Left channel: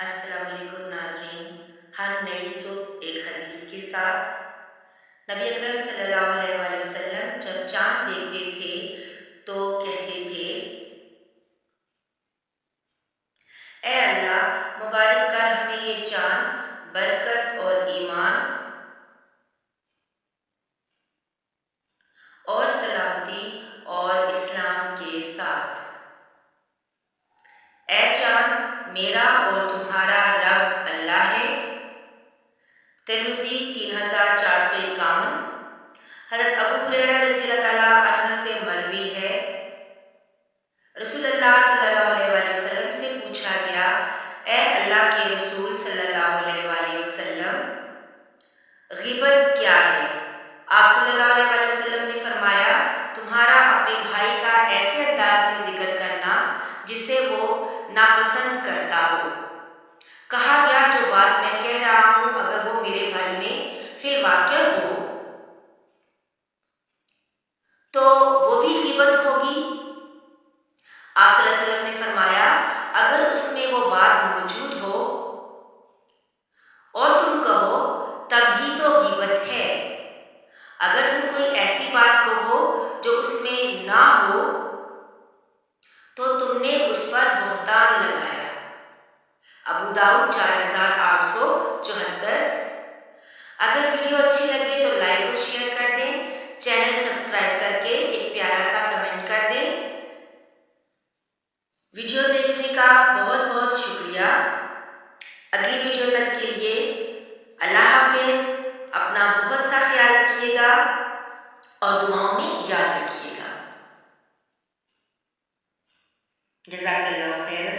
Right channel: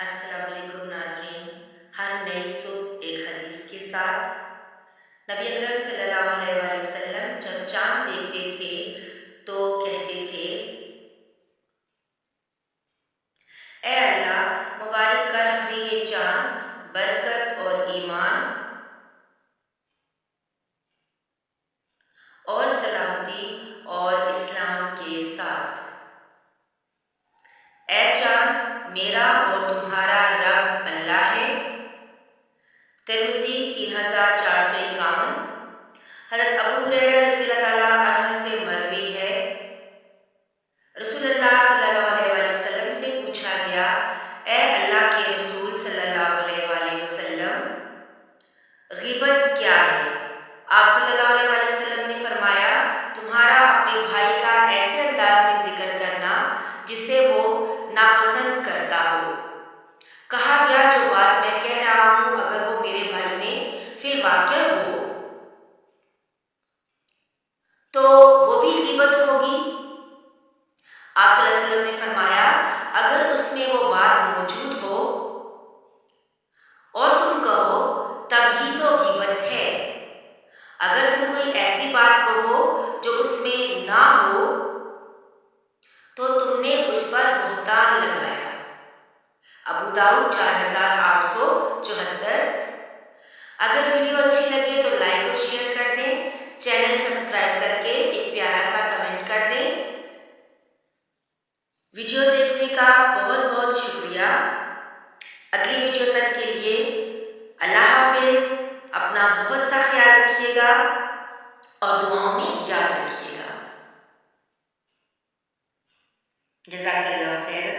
अस्सलाम वालेकुम नाज़रीन। हर नई सुबह एक हदीस के साथ नबी अकरम सल्लल्लाहु अलैहि वसल्लम जब चाँद देखते थे तो कहते थे, ए अल्लाह, मुबारक कर हमें ये चाँद बरकत और ईमान और सलामती और इस्लाम के साथ। ए चाँद, मेरा और तुम्हारा रब अल्लाह है। तिर्मिज़ी 3451। हज़रत अबू हुरैरा रज़ियल्लाहु ताला अन्हु से मरवी है, रसूलुल्लाह सल्लल्लाहु अलैहि वसल्लम से पूछा गया, ए अल्लाह के रसूल सल्लल्लाहु अलैहि वसल्लम, ग़ीबत क्या है? आप सल्लल्लाहु अलैहि वसल्लम ने फरमाया, तुम्हारा अपने भाई का ऐसे अंदाज में जिक्र करना जिसे वो नापसंद करता हो। कहा गया, जो बात मैं कह रहा हूँ अगर वो मेरे भाई में फिल वाक़या हो तो वो भी ग़ीबत होगी। आप सल्लल्लाहु अलैहि वसल्लम ने फरमाया, अगर उसमें वो बात मौजूद हो और तुम कहो तब ही तो ग़ीबत है। अगर तुम कोई ऐसी बात कहो जो उसमें ना हो तो तुमने उस पर बहतान लगाया। अबू दाऊद 4874। अगर वीडियो अच्छी लगे तो लाइक और शेयर कर दें। चैनल सब्सक्राइब करके एक प्यारा सा कमेंट कर दें। वीडियो देखने का बहुत बहुत शुक्रिया। अगली वीडियो तक के लिए अल्लाह हाफिज़। अपना बहुत सा ख्याल रखिएगा और दुआओं में याद रखिएगा। जज़ाकल्लाह खैरन।